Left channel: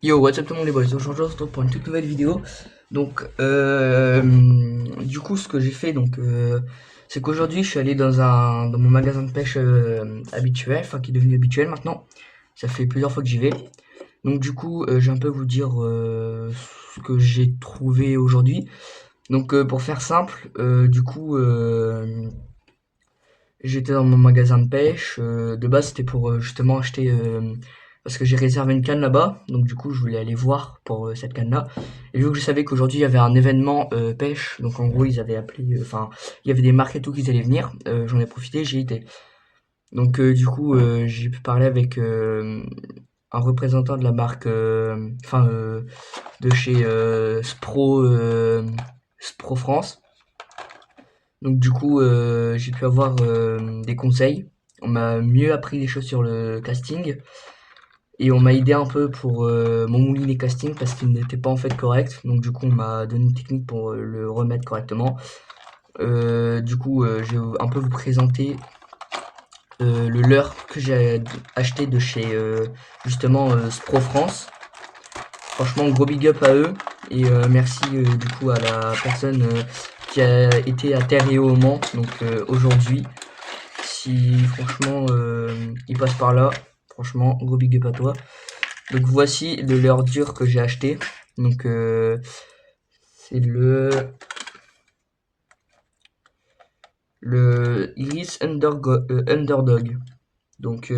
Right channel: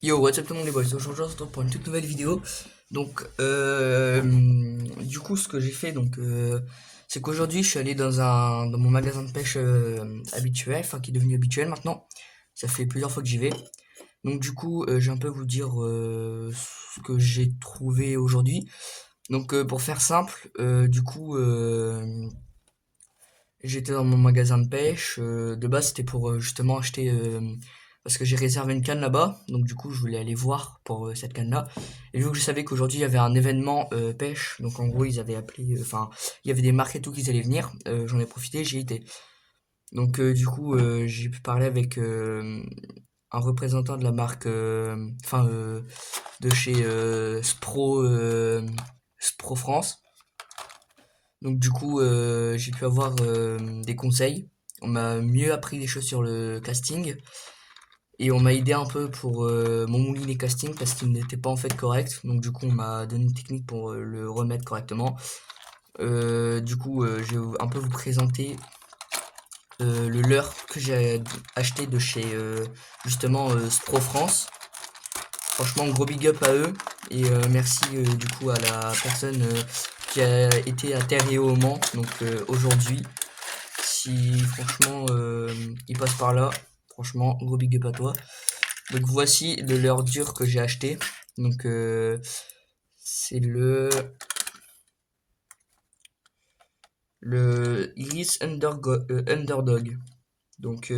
Yo, what's up tout le monde les boys, aujourd'hui on se retrouve pour une toute nouvelle vidéo. Donc, du coup, ce que j'ai fait, c'est qu'aujourd'hui je suis allé dans mon magasin de pêche habituel, enfin qui est devenu habituel maintenant. Ça fait plusieurs fois que j'y vais. Donc du coup, je vais un peu vous dire ce que j'ai trouvé aujourd'hui. Donc pour faire simple, j'étais dans mon magasin de pêche. De base, c'était pour justement acheter. Parce que j'ai réservé une canne là-bas. Donc, du coup, je voulais aller voir pour cette canne-là. Et vu que je savais qu'aujourd'hui, il y avait un événement pêche. Donc, en gros, ils avaient appelé. Enfin, il y avait des marques et tout qui allaient venir. J'en ai profité, j'y étais. Donc, j'ai pu parler avec un représentant de la marque. De chez Spro France. Donc du coup, j'ai pu avoir des conseils. On m'a mieux appris les choses sur le casting et on m'a aidé un peu pour mon moulinet casting parce qu'il n'était pas en fait correct. Donc du coup, on m'a donné une technique pour le remettre correctement. Je vais un peu vous présenter le leurre que j'ai acheté de chez justement Spro France. Franchement, gros big up à eux et merci du coup à la personne qui a été à terre et au Mans. Donc aujourd'hui, si franchement il passe par là, franchement gros big up à toi. Donc voici le leurre dur que j'ai acheté. Donc c'est le Iris Underdog. Donc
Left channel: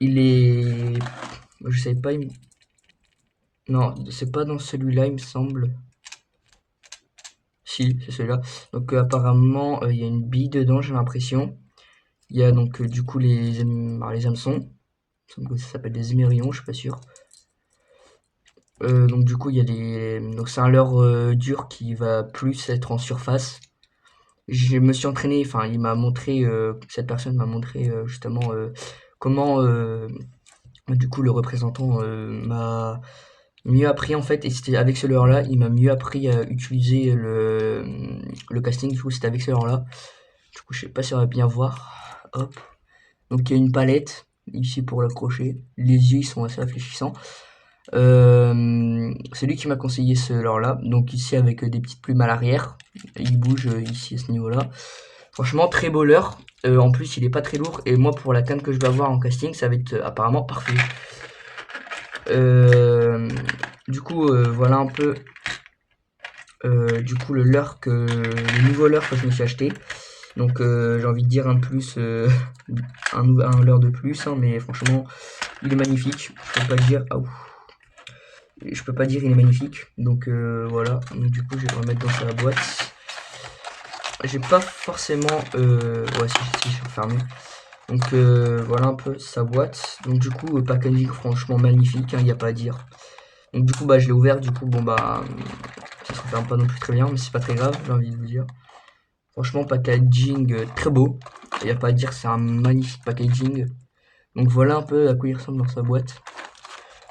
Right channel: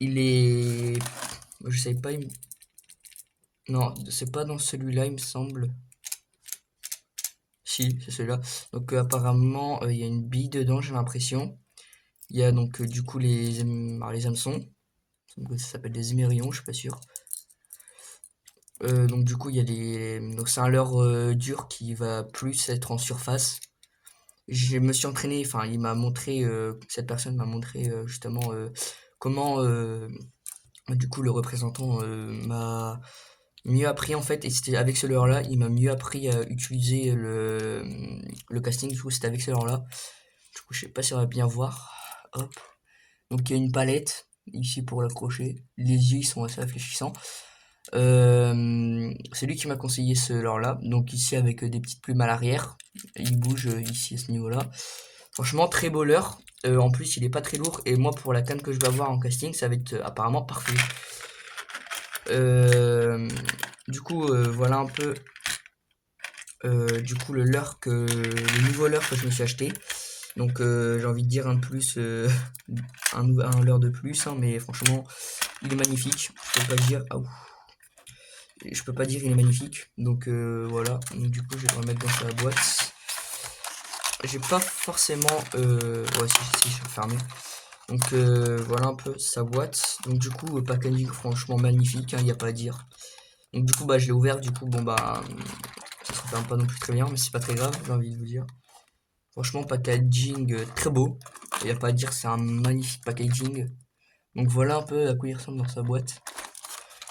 il est, je sais pas, non c'est pas dans celui-là il me semble. Si, c'est celui-là. Donc apparemment, il y a une bille dedans, j'ai l'impression. Il y a donc du coup les hameçons. Ça s'appelle des émerillons, je suis pas sûr. Donc du coup, il y a des. Donc c'est un leurre dur qui va plus être en surface. Je me suis entraîné, enfin, il m'a montré, cette personne m'a montré justement comment du coup le représentant m'a mieux appris en fait, et c'était avec ce leurre là, il m'a mieux appris à utiliser le casting, du coup c'était avec ce leurre là. Du coup, je sais pas si on va bien voir. Hop. Donc, il y a une palette ici pour l'accrocher. Les yeux, ils sont assez réfléchissants. C'est lui qui m'a conseillé ce leurre-là. Donc, ici, avec des petites plumes à l'arrière. Il bouge ici à ce niveau-là. Franchement, très beau leurre. En plus, il est pas très lourd. Et moi, pour la canne que je vais avoir en casting, ça va être apparemment parfait. Euh, voilà un peu le nouveau leurre que je me suis acheté. Donc j'ai envie de dire un de plus, un leurre de plus, hein, mais franchement, il est magnifique. Je peux pas dire, ah, ouf. Je peux pas dire il est magnifique. Donc voilà. Donc, du coup, je vais le remettre dans sa boîte. J'ai pas forcément, ouais, si, je suis fermé. Donc voilà un peu sa boîte. Donc du coup, packaging franchement magnifique, il n'y a pas à dire. Donc du coup, bah je l'ai ouvert. Du coup, bon bah, ça se ferme pas non plus très bien, mais c'est pas très grave, j'ai envie de vous dire. Franchement, packaging très beau. Il n'y a pas à dire, c'est un magnifique packaging. Donc voilà un peu à quoi il ressemble dans sa boîte.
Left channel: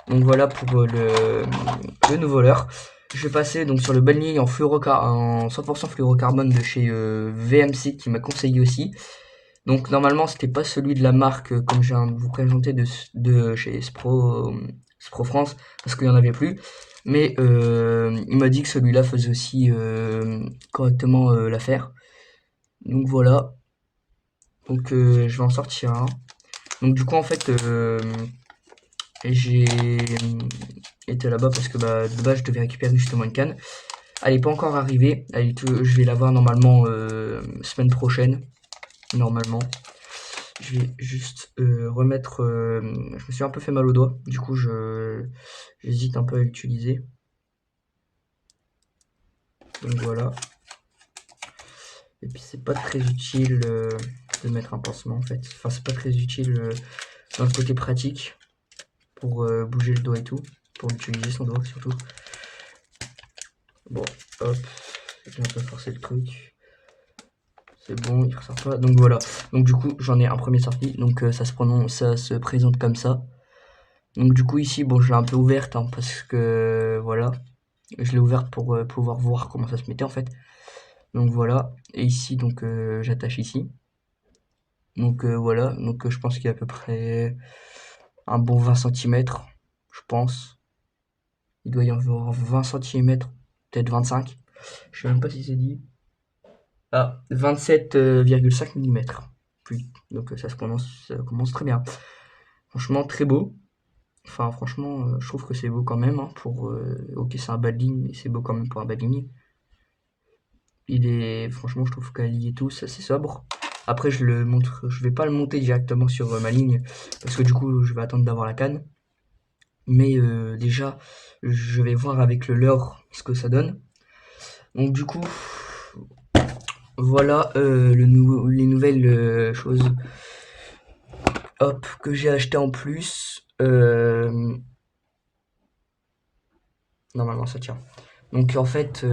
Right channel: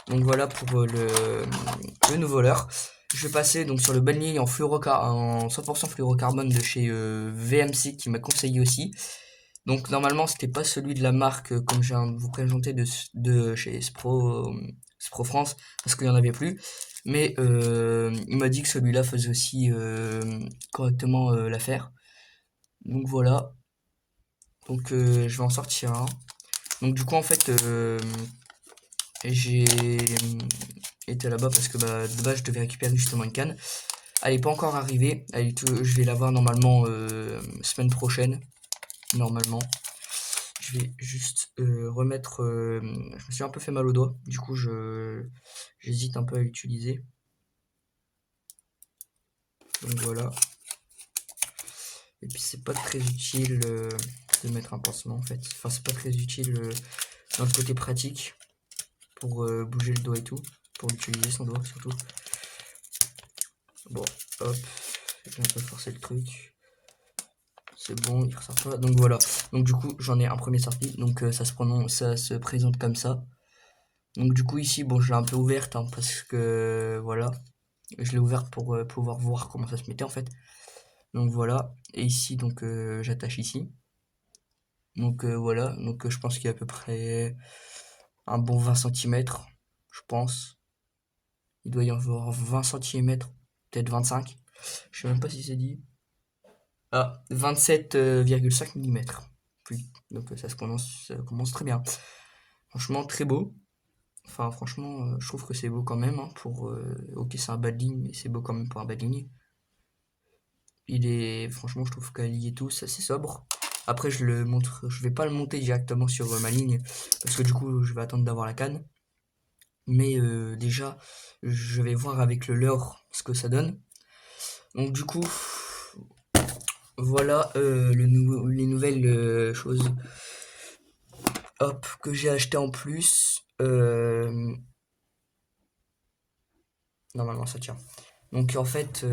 Donc voilà pour le nouveau leurre. Je vais passer donc sur le balnier en 100% fluorocarbone de chez VMC qui m'a conseillé aussi. Donc normalement c'était pas celui de la marque comme je viens de vous présenter de chez Spro France parce qu'il n'y en avait plus. Mais il m'a dit que celui-là faisait aussi correctement l'affaire. Donc voilà. Donc je vais en sortir un. Donc du coup en fait j'ai été là-bas parce que bah, de base je devais récupérer justement une canne. Elle est pas encore arrivée. Je vais la voir normalement semaine prochaine. Normalement. Je vais juste remettre. Je me suis un peu fait mal au doigt. Du coup j'hésite un peu à l'utiliser. Donc voilà. Et puis c'est pas très utile de mettre un pansement en fait. Enfin c'est pas très utile dans le côté pratique pour bouger le doigt et tout. Pour l'utiliser son doigt surtout. Bon, hop, je vais un peu forcer le truc. C'est bon, il ressort pas. Donc voilà. Donc du coup, j'en ai un premier sorti. Donc ça se présente comme ça. Donc du coup ici, bon, je l'ai un peu ouverte hein, parce que voilà, je l'ai ouverte pour pouvoir voir comment ça se mettait en fait. Donc voilà. Et ici, donc j'attache ici. Donc voilà. Donc je pense qu'il y a à peu près un bon 20 cm. pense. Il doit y avoir 20 cm, peut-être 25. Je sais même pas si c'est dit. Ah, 27,5 mm. Puis, donc ça commence très bien. Franchement, très beau. Enfin, franchement, je trouve que c'est beau quand même. Hein, ok, c'est un bad ligne, mais c'est beau quand même pour un bad ligne. Franchement, je trouve qu'à lier tout, c'est assez sobre. Après, je vais pas le monter directement sur ma ligne parce que du coup, je vais attendre d'avoir la canne. Mais déjà, je vais voir avec le leurre ce que ça donne. Donc du coup, voilà les nouvelles choses, hop, que j'ai acheté en plus. Normalement, ça tient. Donc en fait,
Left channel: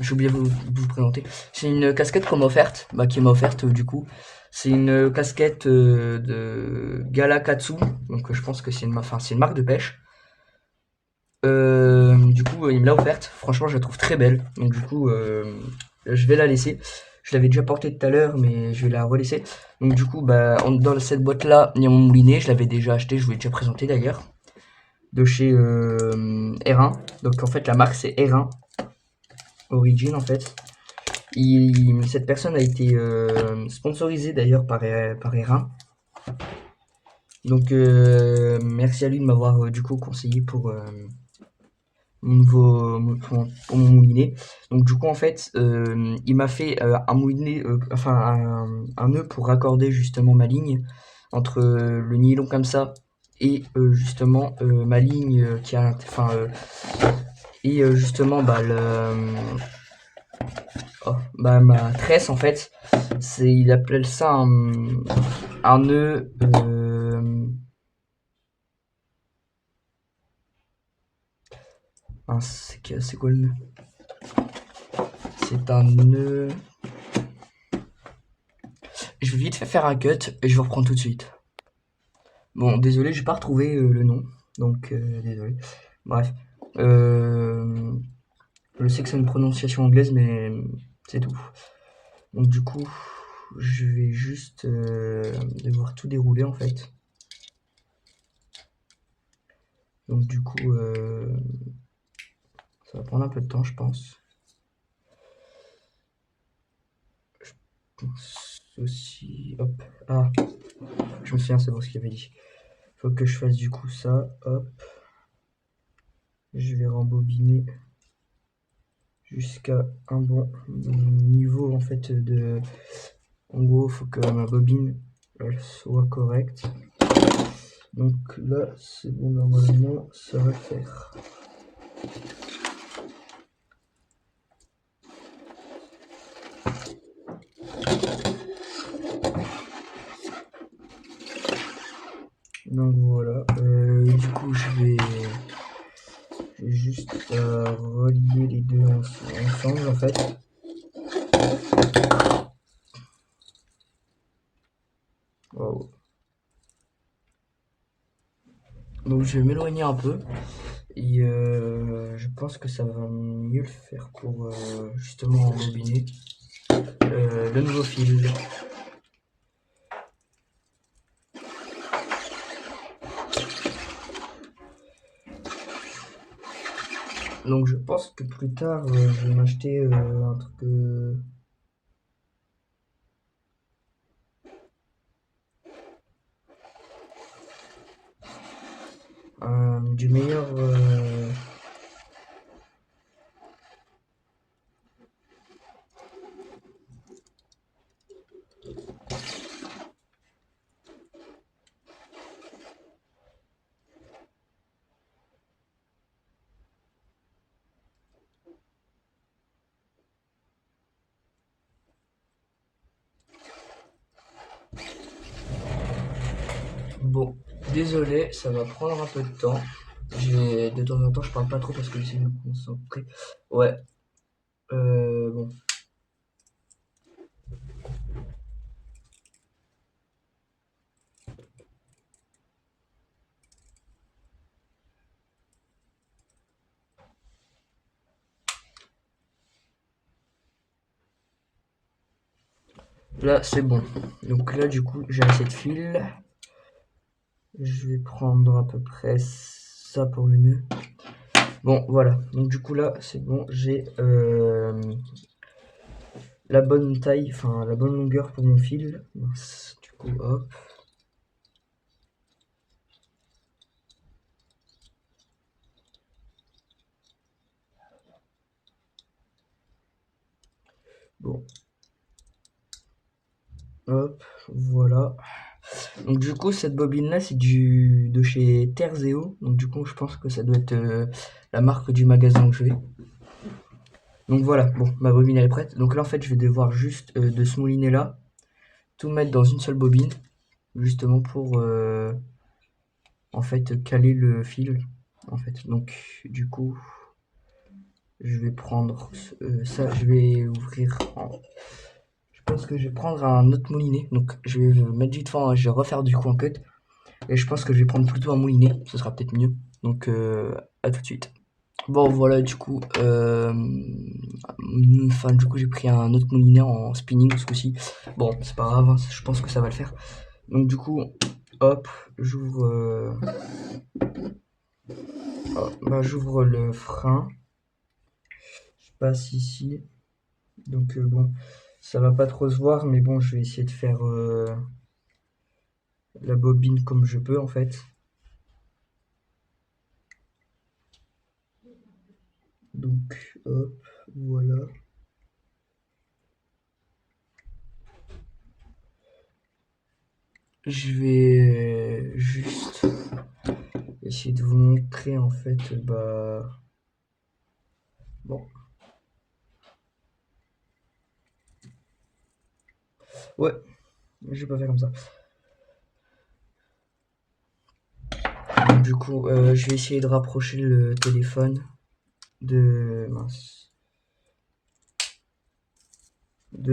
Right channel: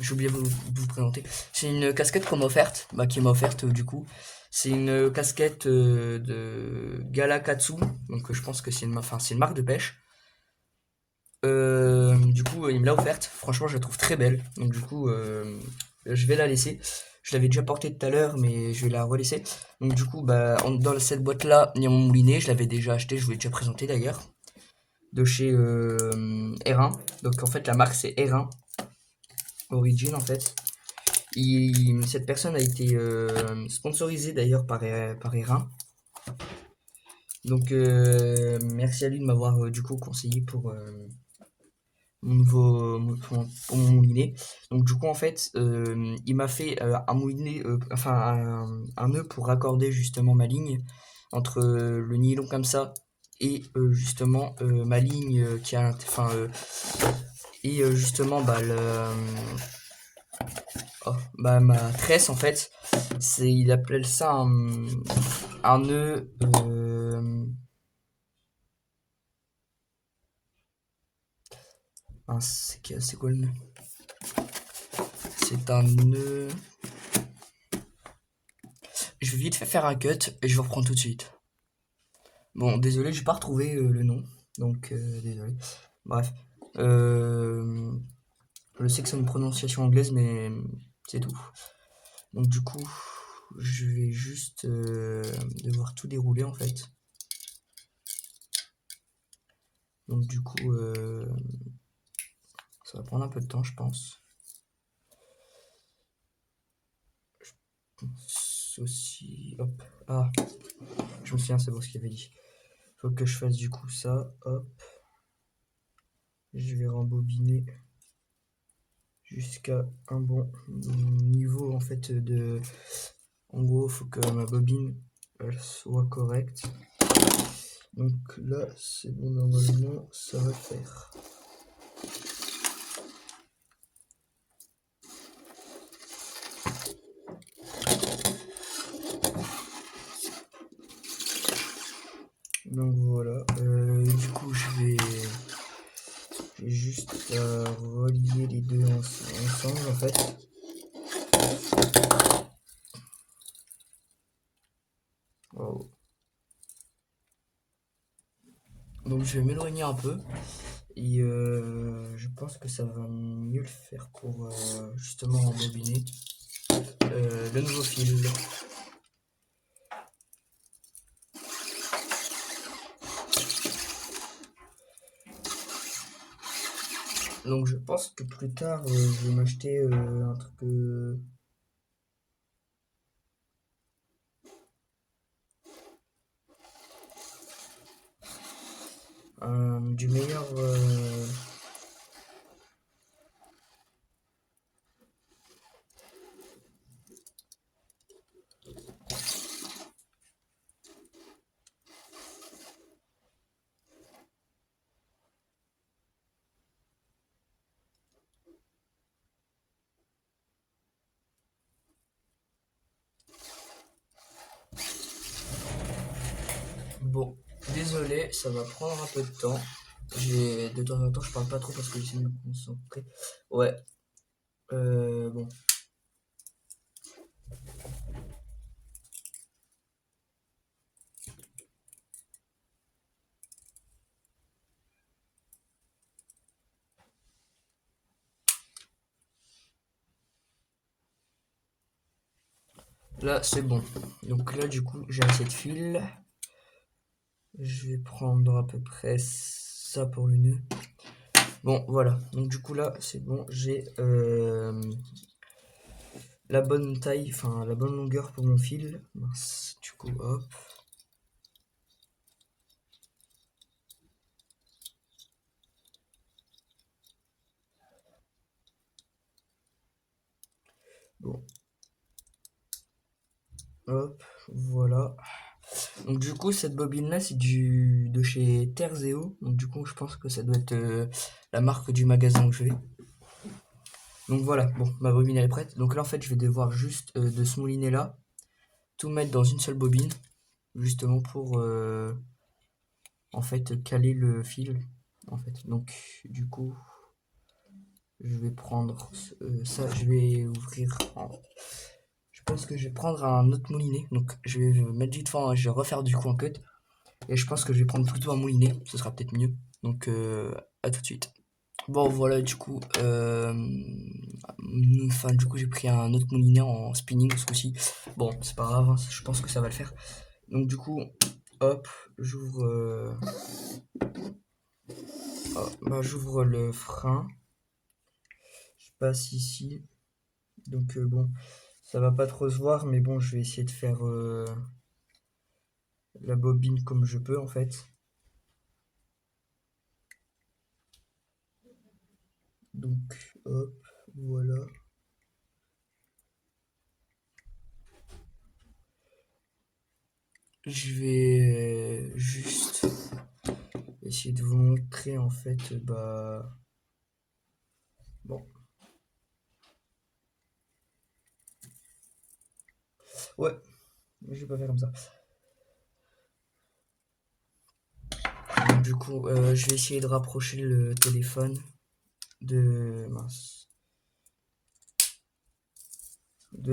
j'ai oublié de vous présenter. C'est une casquette qu'on m'a offerte, qui m'a offerte du coup. C'est une casquette de Galakatsu, donc je pense que c'est une marque de pêche. Du coup, il me l'a offerte. Franchement, je la trouve très belle. Donc du coup, je vais la laisser. Je l'avais déjà portée tout à l'heure, mais je vais la relaisser. Donc du coup, dans cette boîte-là, il y a mon moulinet. Je l'avais déjà acheté, je vous l'ai déjà présenté d'ailleurs. De chez R1. Donc en fait, la marque c'est R1 Origin en fait. Cette personne a été sponsorisée d'ailleurs par R1. Donc merci à lui de m'avoir du coup conseillé pour pour mon moulinet. Donc du coup en fait il m'a fait un moulinet, un nœud pour raccorder justement ma ligne entre le nylon comme ça et justement ma ligne qui a et justement ma tresse en fait, il appelle ça un nœud c'est quoi le nœud? C'est un nœud. Je vais vite faire un cut et je vous reprends tout de suite. Bon, désolé, j'ai pas retrouvé le nom, donc désolé. Bref, je sais que c'est une prononciation anglaise, mais c'est tout. Donc du coup, je vais juste devoir tout dérouler en fait. Donc du coup, ça va prendre un peu de temps, je pense. Ceci, hop, ah, je me souviens, c'est bon ce qu'il avait dit. Faut que je fasse du coup ça, hop. Je vais rembobiner jusqu'à un bon niveau en fait de... En gros, faut que ma bobine elle soit correcte. Donc là, c'est bon, normalement, ça va faire. Donc voilà, du coup je vais juste relier les deux ensemble en fait. Wow. Donc je vais m'éloigner un peu et je pense que ça va mieux le faire pour justement embobiner le nouveau fil. Donc je pense que plus tard je vais m'acheter un truc du meilleur bon, désolé, ça va prendre un peu de temps. De temps en temps, je parle pas trop parce que j'essaie de me concentrer. Ouais. Bon. Là, c'est bon. Donc là, du coup, j'ai assez de fil. Je vais prendre à peu près ça pour le nœud. Bon, voilà. Donc du coup là, c'est bon. J'ai la bonne taille, enfin la bonne longueur pour mon fil. Mince, du coup, hop. Bon. Hop, voilà. Donc du coup, cette bobine-là, c'est de chez Terzeo. Donc du coup, je pense que ça doit être la marque du magasin où je vais. Donc voilà, bon, ma bobine elle est prête. Donc là, en fait, je vais devoir juste de ce moulinet-là, tout mettre dans une seule bobine, justement pour, en fait, caler le fil, en fait. Donc du coup, je vais prendre ça, je vais ouvrir Je pense que je vais prendre un autre moulinet. Donc je vais mettre vite fait, je vais refaire du coup un cut. Et je pense que je vais prendre plutôt un moulinet, ce sera peut-être mieux. Donc à tout de suite. Bon voilà du coup, enfin du coup j'ai pris un autre moulinet en spinning ce coup-ci. Bon c'est pas grave, hein, je pense que ça va le faire. Donc du coup, hop, j'ouvre le frein. Je passe ici. Donc bon, ça va pas trop se voir, mais bon je vais essayer de faire la bobine comme je peux en fait. Donc hop, voilà. Je vais juste essayer de vous montrer en fait, bon, ouais, je vais pas faire comme ça. Donc, du coup, je vais essayer de rapprocher le téléphone mince, du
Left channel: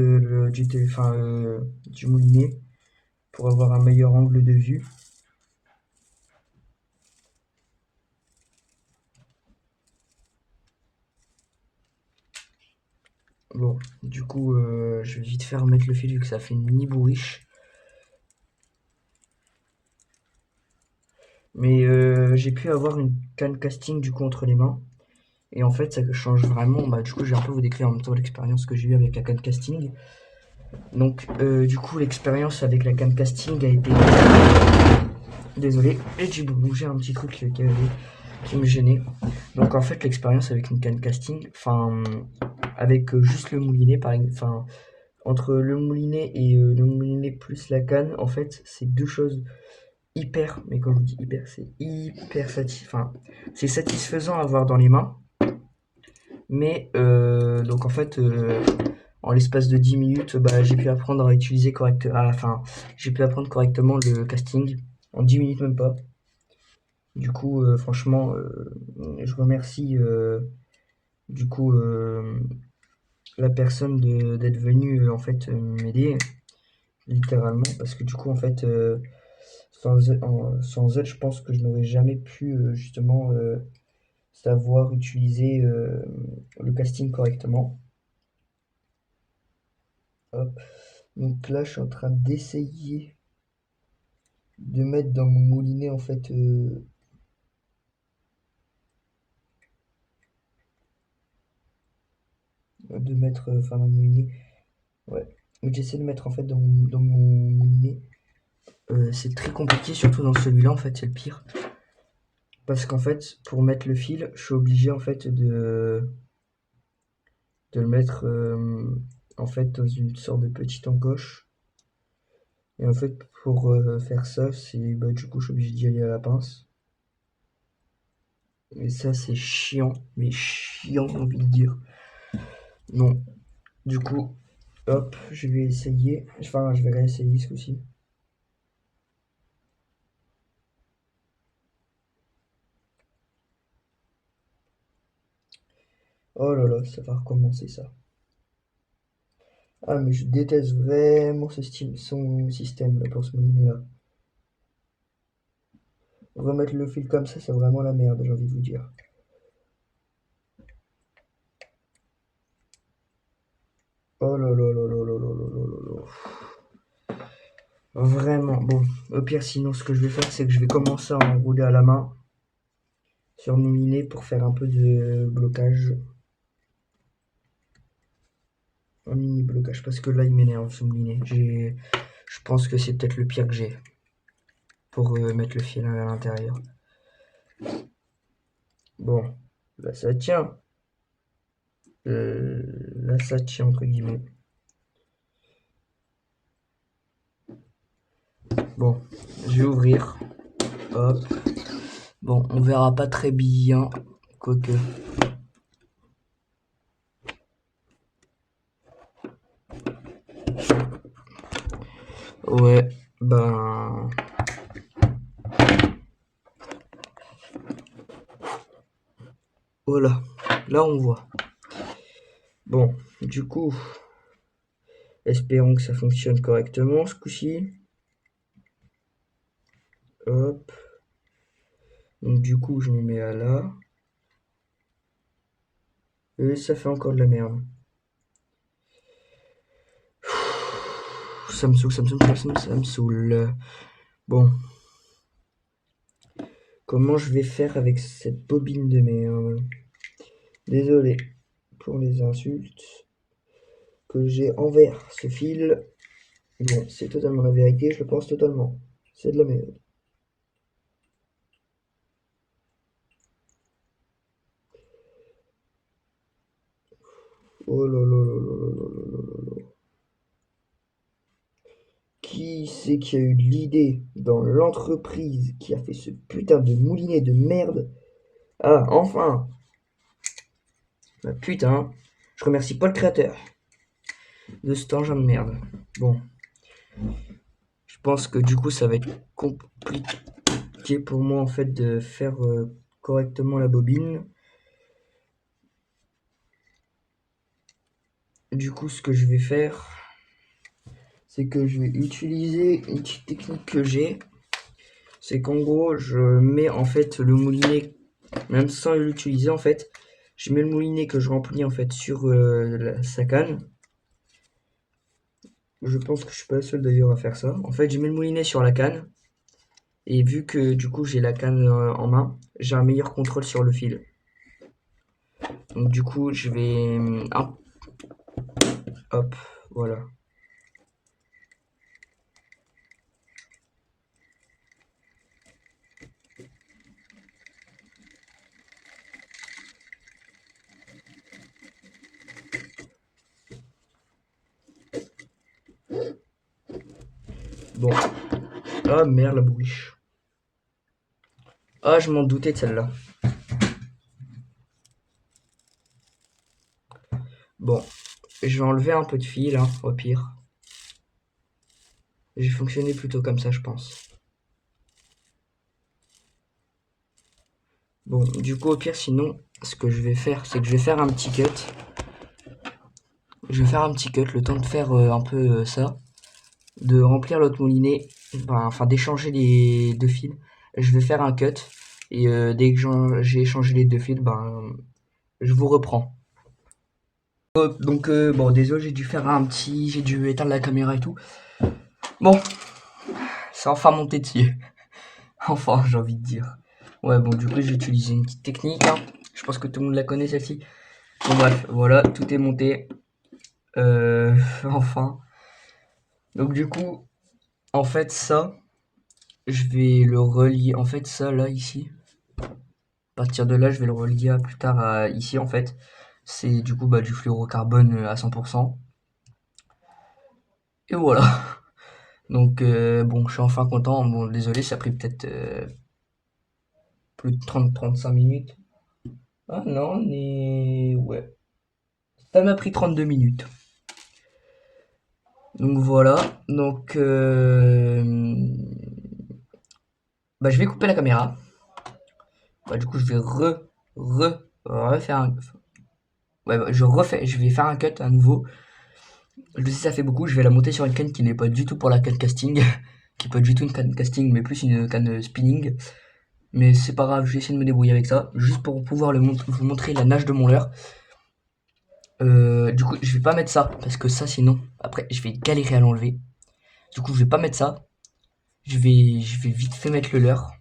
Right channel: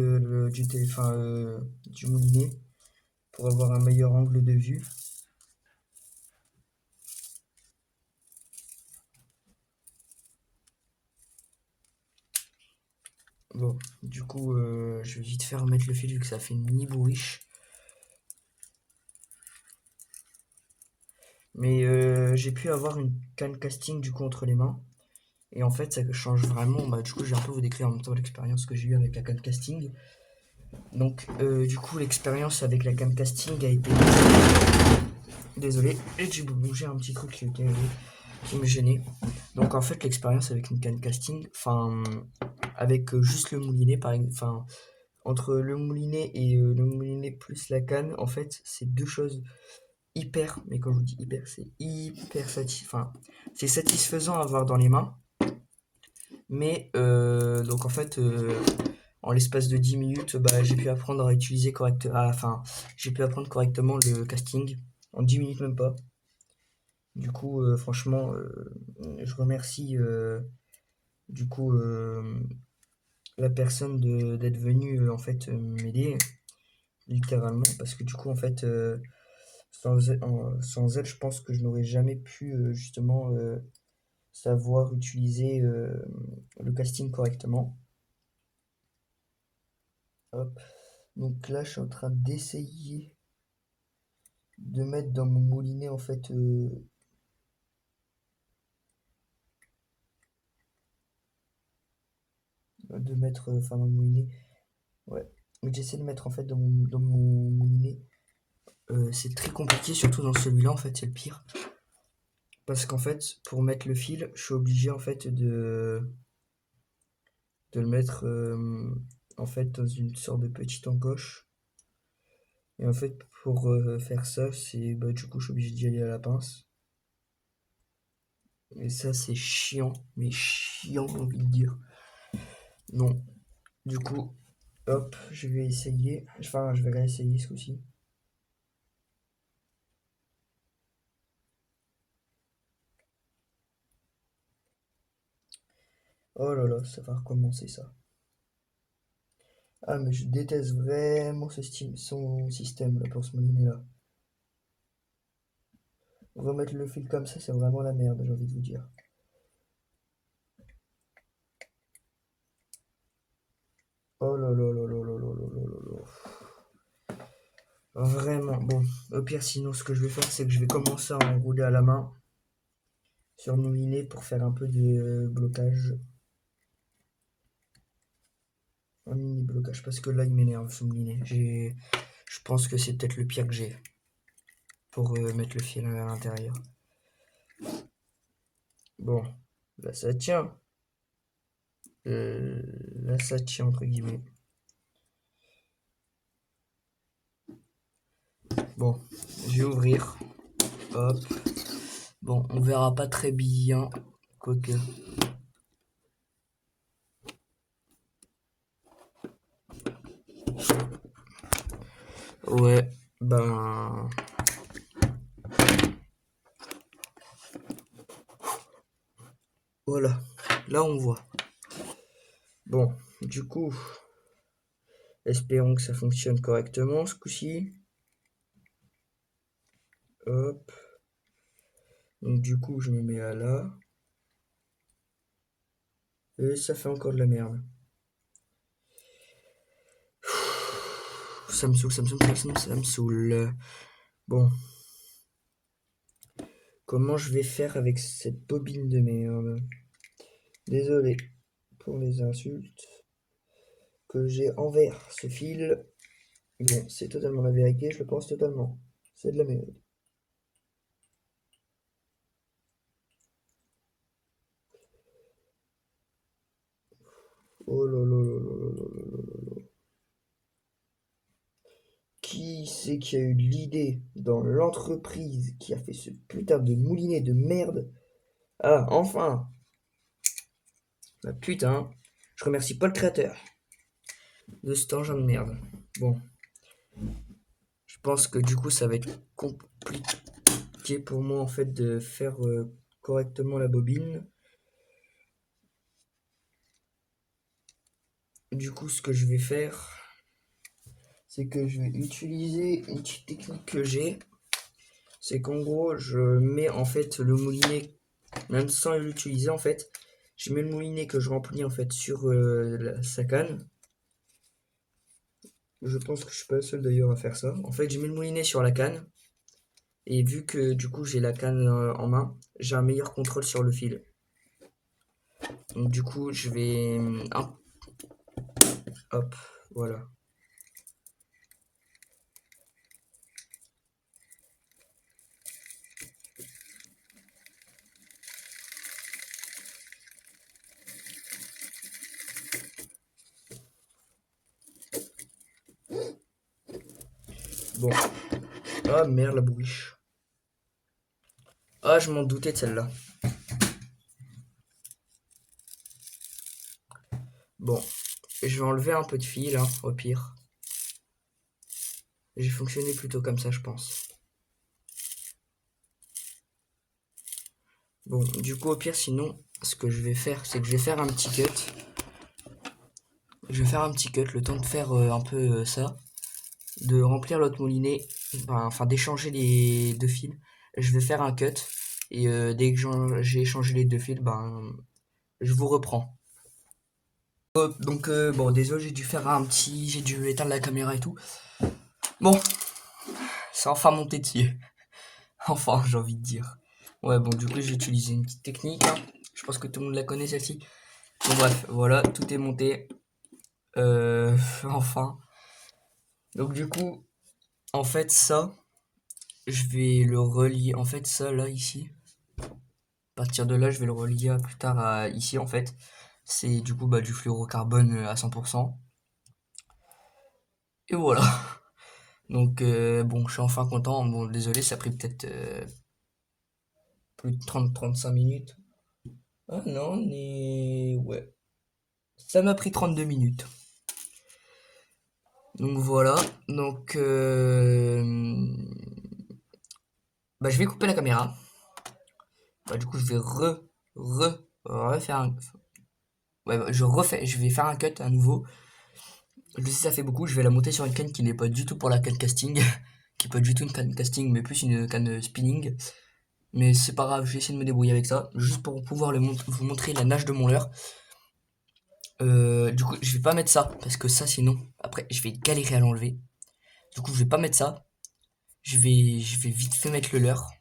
moulinet pour avoir un meilleur angle de vue. Bon, du coup, je vais vite faire mettre le fil vu que ça fait ni bourriche. Mais j'ai pu avoir une canne casting du coup entre les mains. Et en fait, ça change vraiment. Bah, du coup, je vais un peu vous décrire en même temps l'expérience que j'ai eue avec la canne casting. Donc, du coup, l'expérience avec la canne casting a été. Désolé, et j'ai bougé un petit truc qui me gênait. Donc, en fait, l'expérience avec une canne casting, enfin, avec juste le moulinet, par exemple, enfin, entre le moulinet et le moulinet plus la canne, en fait, c'est deux choses hyper, mais quand je vous dis hyper, c'est hyper satisfaisant. Enfin, c'est satisfaisant à avoir dans les mains. Mais donc en fait, en l'espace de 10 minutes, j'ai pu apprendre à utiliser j'ai pu apprendre correctement le casting. En 10 minutes même pas. Du coup, franchement, je remercie du coup la personne d'être venue en fait m'aider littéralement parce que du coup en fait sans elle, je pense que je n'aurais jamais pu justement savoir utiliser le casting correctement. Hop. Donc là, je suis en train d'essayer de mettre dans mon moulinet en fait de mettre enfin dans mon moulinet. Ouais. Mais j'essaie de mettre en fait dans mon moulinet. C'est très compliqué, surtout dans celui-là en fait, c'est le pire. Parce qu'en fait, pour mettre le fil, je suis obligé en fait de le mettre en fait dans une sorte de petite encoche. Et en fait, pour faire ça, c'est du coup, je suis obligé d'y aller à la pince. Et ça, c'est chiant, mais chiant, j'ai envie de dire. Non. Du coup, hop, je vais essayer. Enfin, je vais réessayer ce coup-ci. Oh là là, ça va recommencer ça. Ah, mais je déteste vraiment son système là pour ce moulinet là. Remettre le fil comme ça, c'est vraiment la merde, j'ai envie de vous dire. Oh là là là là là là là là là là. Vraiment, bon. Au pire, sinon, ce que je vais faire, c'est que je vais commencer à enrouler à la main. sur le moulinet pour faire un peu de blocage. Un mini blocage, parce que là, il m'énerve ce moulinet. Je pense que c'est peut-être le pire que j'ai pour mettre le fil à l'intérieur. Bon, là, ça tient. Là, ça tient, entre guillemets. Bon, je vais ouvrir. Hop. Bon, on verra pas très bien. Quoique. Ouais, ben... Voilà, là on voit. Bon, du coup, espérons que ça fonctionne correctement ce coup-ci. Hop. Donc du coup, je me mets à là. Et ça fait encore de la merde. Ça me saoule, ça me saoule, ça me saoule. Bon. Comment je vais faire avec cette bobine de merde? Désolé pour les insultes que j'ai envers ce fil. Bon, c'est totalement la vérité, je le pense totalement. C'est de la merde. Oh là là là là là là là là là. Qui c'est qui a eu l'idée dans l'entreprise qui a fait ce putain de moulinet de merde? Ah, enfin! Bah, putain, je remercie pas le créateur de cet engin de merde. Bon, je pense que du coup ça va être compliqué pour moi en fait de faire correctement la bobine. Du coup, ce que je vais faire, c'est que je vais utiliser une petite technique que j'ai. C'est qu'en gros, je mets en fait le moulinet, même sans l'utiliser en fait, je mets le moulinet que je remplis en fait sur sa canne. Je pense que je suis pas le seul d'ailleurs à faire ça. En fait, je mets le moulinet sur la canne. Et vu que du coup j'ai la canne en main, j'ai un meilleur contrôle sur le fil. Donc du coup, je vais... hop, voilà. Bon. Ah merde, la bouliche. Ah, je m'en doutais de celle-là. Bon, je vais enlever un peu de fil, hein, au pire. J'ai fonctionné plutôt comme ça, je pense. Bon, du coup, au pire, sinon, ce que je vais faire, c'est que je vais faire un petit cut. Je vais faire un petit cut, le temps de faire un peu ça. De remplir l'autre moulinet, enfin d'échanger les deux fils. Je vais faire un cut. Et dès que j'ai échangé les deux fils, je vous reprends. Donc bon, désolé, j'ai dû éteindre la caméra et tout. Bon, c'est enfin monté dessus. Enfin, j'ai envie de dire. Ouais, bon, du coup, j'ai utilisé une petite technique, hein. Je pense que tout le monde la connaît, celle-ci. Bon, bref, voilà, tout est monté. Enfin. Donc, du coup, en fait, ça, je vais le relier. En fait, ça, là, ici. À partir de là, je vais le relier à plus tard à ici, en fait. C'est du coup du fluorocarbone à 100%. Et voilà. Donc, bon, je suis enfin content. Bon, désolé, ça a pris peut-être plus de 30-35 minutes. Ah non, mais ouais. Ça m'a pris 32 minutes. Donc voilà. Donc, je vais couper la caméra. Du coup, je vais refaire un... Ouais, je vais faire un cut à nouveau. Je sais, ça fait beaucoup. Je vais la monter sur une canne qui n'est pas du tout pour la canne casting. Qui n'est pas du tout une canne casting, mais plus une canne spinning. Mais c'est pas grave, je vais essayer de me débrouiller avec ça. Juste pour pouvoir vous montrer la nage de mon leurre. Du coup, je vais pas mettre ça. Parce que ça, sinon, après, je vais galérer à l'enlever. Du coup, je vais pas mettre ça. Je vais vite fait mettre le leurre.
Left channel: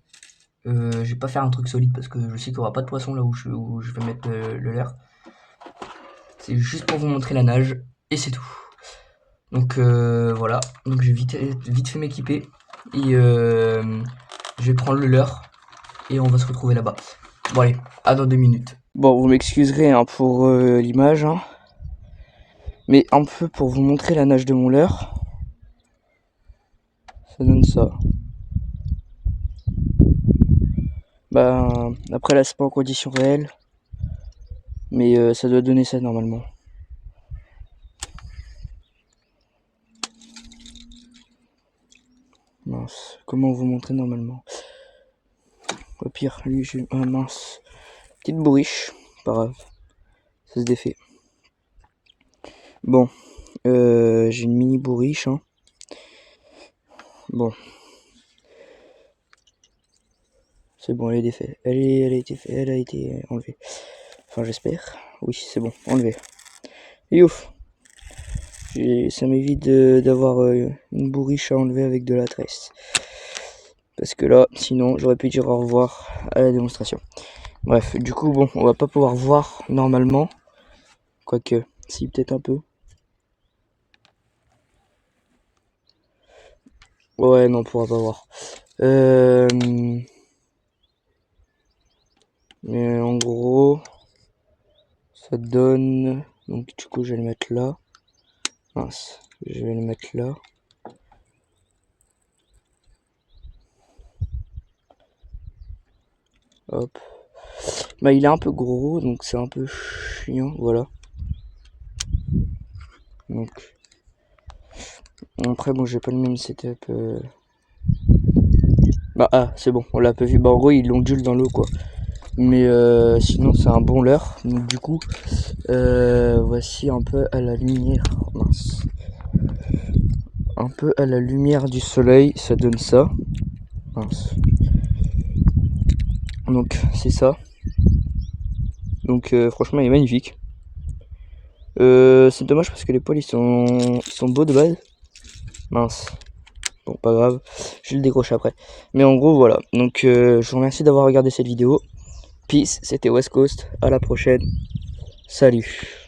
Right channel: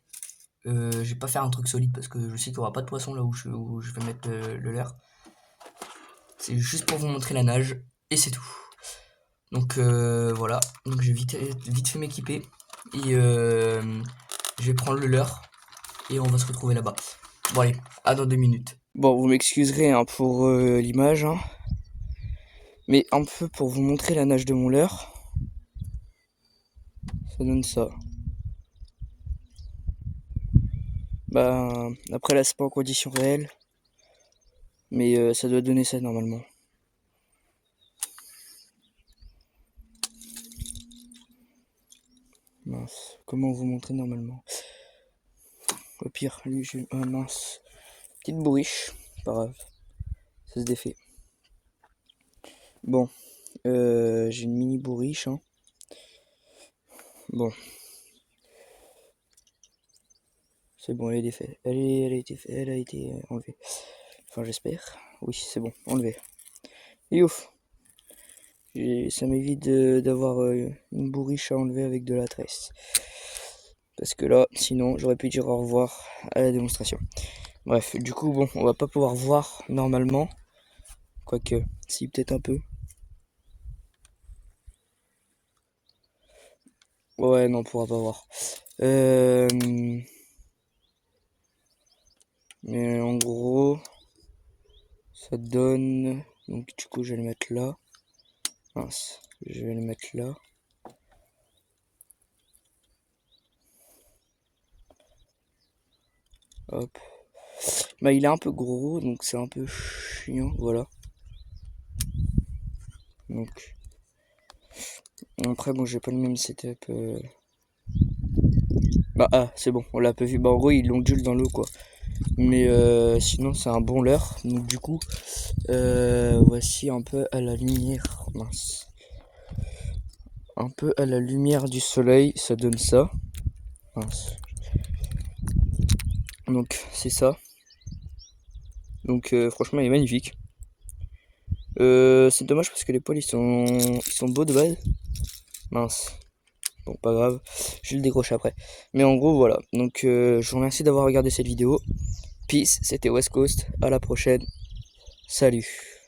Je vais pas faire un truc solide parce que je sais qu'il y aura pas de poisson là où je vais mettre le leurre. C'est juste pour vous montrer la nage et c'est tout. Donc voilà, donc je vais vite fait m'équiper et je vais prendre le leurre et on va se retrouver là-bas. Bon allez, à dans 2 minutes. Bon, vous m'excuserez hein, pour l'image, hein, mais un peu pour vous montrer la nage de mon leurre. Ça donne ça. Bah après là c'est pas en condition réelle, mais ça doit donner ça normalement. Mince, comment vous montrer normalement? Au pire, lui, j'ai... Ah mince. Petite bourriche, pas grave. Ça se défait. Bon, j'ai une mini bourriche, hein. Bon. C'est bon, elle est défaite. Elle a été enlevée. Enfin, j'espère. Oui, c'est bon, enlevée. Et ouf. Ça m'évite d'avoir une bourriche à enlever avec de la tresse. Parce que là, sinon, j'aurais pu dire au revoir à la démonstration. Bref, du coup, bon, on va pas pouvoir voir normalement. Quoique, si, peut-être un peu. Ouais, non, on pourra pas voir. Mais en gros, ça donne... Donc du coup, je vais le mettre là. Mince, je vais le mettre là. Hop. Bah, il est un peu gros, donc c'est un peu chiant, voilà. Donc... Après, bon, j'ai pas le même setup. Bah, ah, c'est bon, on l'a pas vu. Bah, en gros, il ondule dans l'eau, quoi. Mais sinon, c'est un bon leurre. Donc du coup, voici un peu à la lumière. Mince. Un peu à la lumière du soleil, ça donne ça. Mince. Donc c'est ça. Donc franchement il est magnifique. C'est dommage parce que les poils ils sont beaux de base. Mince. Bon pas grave. Je vais le décrocher après. Mais en gros voilà. Donc je vous remercie d'avoir regardé cette vidéo. Peace, c'était West Coast. À la prochaine. Salut.